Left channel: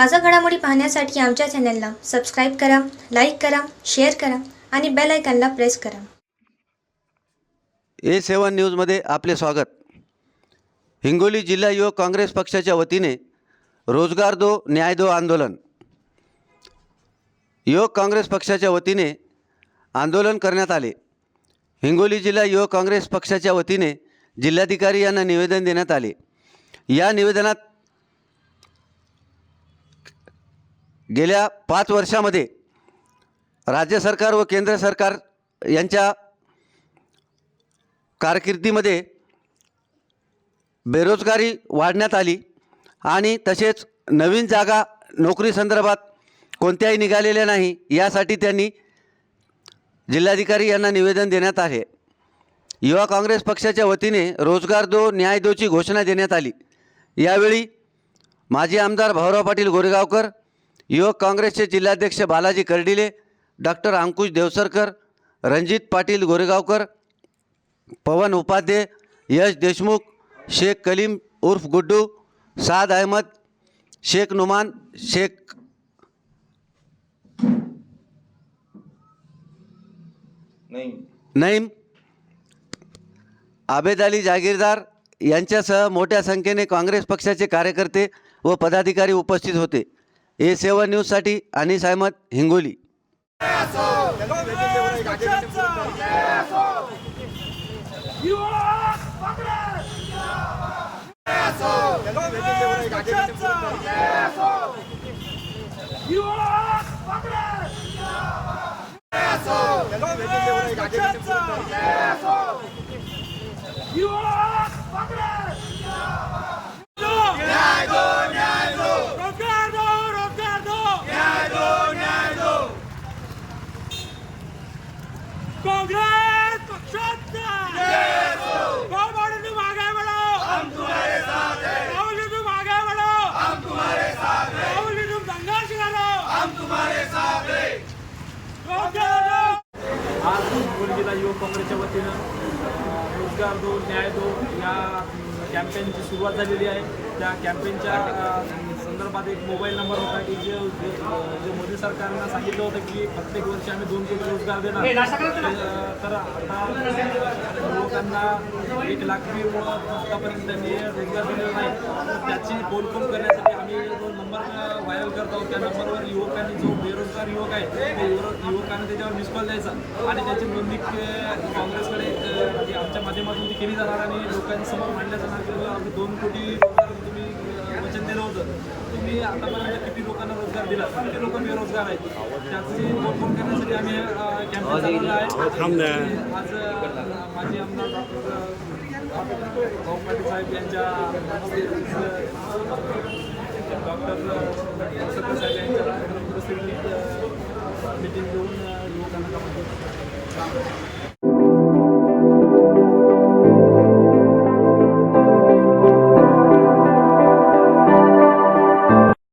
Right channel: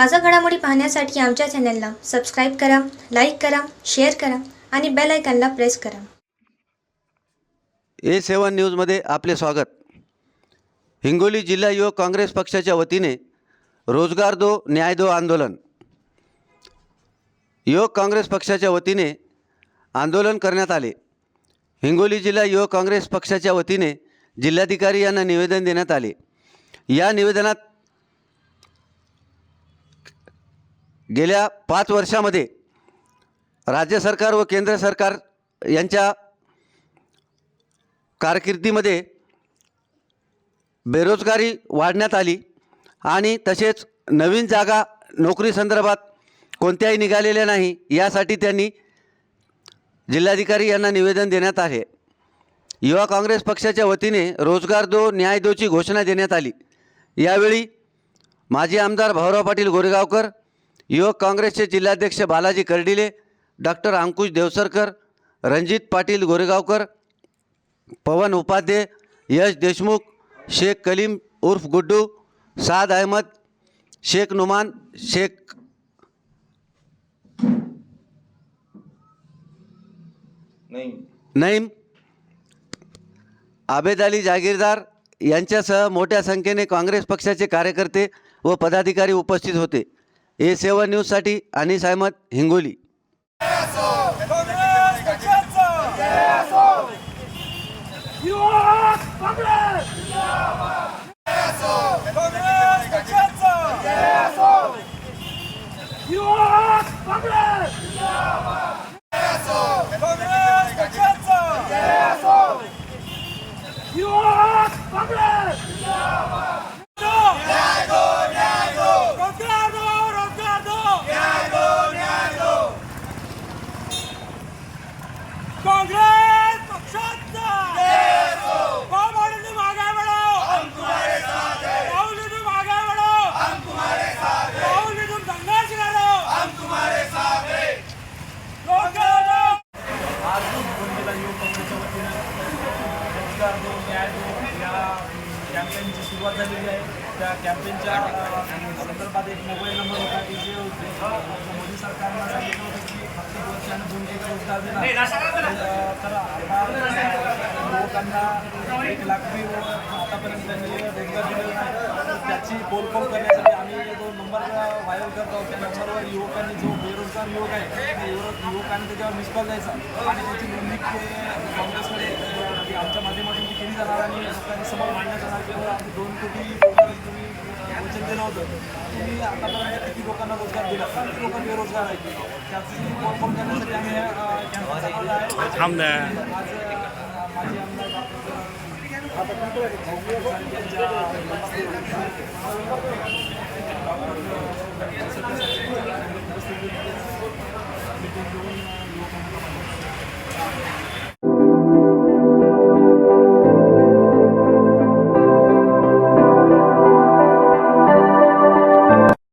ताजा घडामोडी पाहण्यासाठी आमच्या चॅनलला सबस्क्राईब करा लाईक करा शेअर करा आणि बेल आयकॉनला प्रेस करा. ए सेवन न्यूजमध्ये आपले स्वागत. हिंगोली जिल्हा युवक काँग्रेस पक्षाच्या वतीने रोजगार दो न्याय दो आंदोलन. युवक काँग्रेस पक्षाच्या वतीने आंदोलन करण्यात आले. हिंगोली जिल्हा युवक काँग्रेस पक्षाच्या वतीने जिल्हाधिकारी यांना निवेदन देण्यात आले. या निवेदनात गेल्या पाच वर्षामध्ये राज्य सरकार व केंद्र सरकार यांच्या कारकिर्दीमध्ये बेरोजगारी वाढण्यात आली आणि तसेच नवीन जागा नोकरी संदर्भात कोणत्याही निघालेल्या नाही यासाठी त्यांनी जिल्हाधिकारी यांना निवेदन देण्यात आले. युवा काँग्रेस पक्षाच्या वतीने रोजगार दो न्याय दोची घोषणा देण्यात आली. यावेळी माजी आमदार भाऊराव पाटील गोरेगावकर युवक काँग्रेसचे जिल्हाध्यक्ष बालाजी कर्डिले डॉक्टर अंकुश देवसरकर रणजित पाटील गोरेगावकर पवन उपाध्ये यश देशमुख शेख कलीम उर्फ गुड्डू साद अहमद शेख नुमान शेख नईम. आबेद अली जागीरदार यांच्यासह मोठ्या संख्येने काँग्रेस पक्षाचे कार्यकर्ते व पदाधिकारी उपस्थित होते. ए सेवन न्यूजसाठी अनिस अहमद हिंगोली काँग्रेस युवक काँग्रेस काँग्रेस पक्षाचा युवक काँग्रेस काँग्रेस पक्षाचा युवक काँग्रेस न्याय दो न्याय दो रोजगार दो रोजगार दो न्याय दो न्याय दो कांग्रेस पक्षाचा कौन बोले तुम आगे बढ़ो हम तुम्हारे साथ हैं बोले तुम आगे बढ़ो हम तुम्हारे साथ हैं बोले तुम संघर्ष करो हम तुम्हारे साथ हैं रोजगार आज गुलगिरा युवक काँग्रेसच्या वतीनं अ, रोजगार दो न्याय दो या कॅम्पेनची सुरुवात झालेली आहे. त्या कॅम्पेनच्या संदर्भात एक मोबाईल नंबर होता की जे जे मोदी सरकारनं सांगितलं होतं की प्रत्येक वर्षी आम्ही दोन कोटी रोजगार देणार. तर आता युवकांना एक लाख बी आतापर्यंत त्यांनी रोजगार दिलेला नाही. त्याची पोलफोन करण्यासाठी आम्ही जो नंबर व्हायरल करतो त्या नंबरवर युवकांनी जो बेरोजगार युवक आहे ते युवक युवकांनी त्याच्यावर कॉल द्यायचा. आणि त्याची नोंदणी काँग्रेसकडे ती आमच्या माध्यमातून ती केली जाणार आणि लोकांसमोर मांडण्यात येणार की बाबा आम्ही दोन कोटी रोजगार तुम्ही वचन दिलं होतं. तुम्ही आतापर्यंत किती लोकांना रोजगार दिला? किती लोक बेरोजगार आहेत? त्याची पोलफोन करण्यासाठी आम्ही कॅम्पेन चालवलं आहे. आज माजी आमदार डॉक्टर भाऊ साहेब यांच्या डॉक्टर सत्य साहेब यांच्या उपस्थितीत मीटिंग घेऊन युवकांना